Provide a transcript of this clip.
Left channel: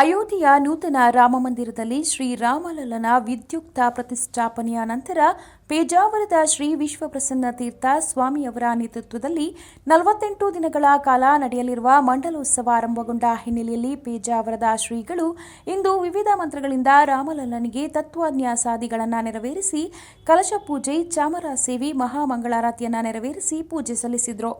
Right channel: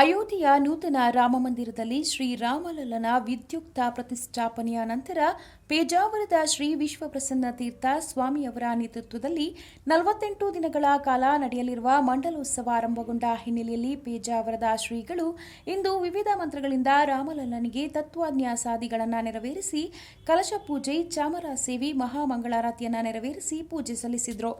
ಅಯೋಧ್ಯೆಯ ನೂತನ ರಾಮಮಂದಿರದಲ್ಲಿ ಶ್ರೀರಾಮಲಲ್ಲನ ವಿದ್ಯುಕ್ತ ಪ್ರತಿಷ್ಠಾಪನೆಯ ನಂತರ ಪೇಜಾವರದ ಶ್ರೀ ವಿಶ್ವಪ್ರಸನ್ನ ತೀರ್ಥ ಸ್ವಾಮಿಯವರ ನೇತೃತ್ವದಲ್ಲಿ 48 ದಿನಗಳ ಕಾಲ ನಡೆಯಲಿರುವ ಮಂಡಲೋತ್ಸವ ಆರಂಭಗೊಂಡ ಹಿನ್ನೆಲೆಯಲ್ಲಿ ಪೇಜಾವರದ ಶ್ರೀಗಳು ಇಂದು ವಿವಿಧ ಮಂತ್ರಗಳಿಂದ ರಾಮಲಲ್ಲನಿಗೆ ತತ್ವನ್ಯಾಸಾದಿಗಳನ್ನು ನೆರವೇರಿಸಿ ಕಲಶ ಪೂಜೆ, ಚಾಮರ ಸೇವೆ, ಮಹಾಮಂಗಳಾರತಿಯನ್ನು ನೆರವೇರಿಸಿ ಪೂಜೆ ಸಲ್ಲಿಸಿದರು.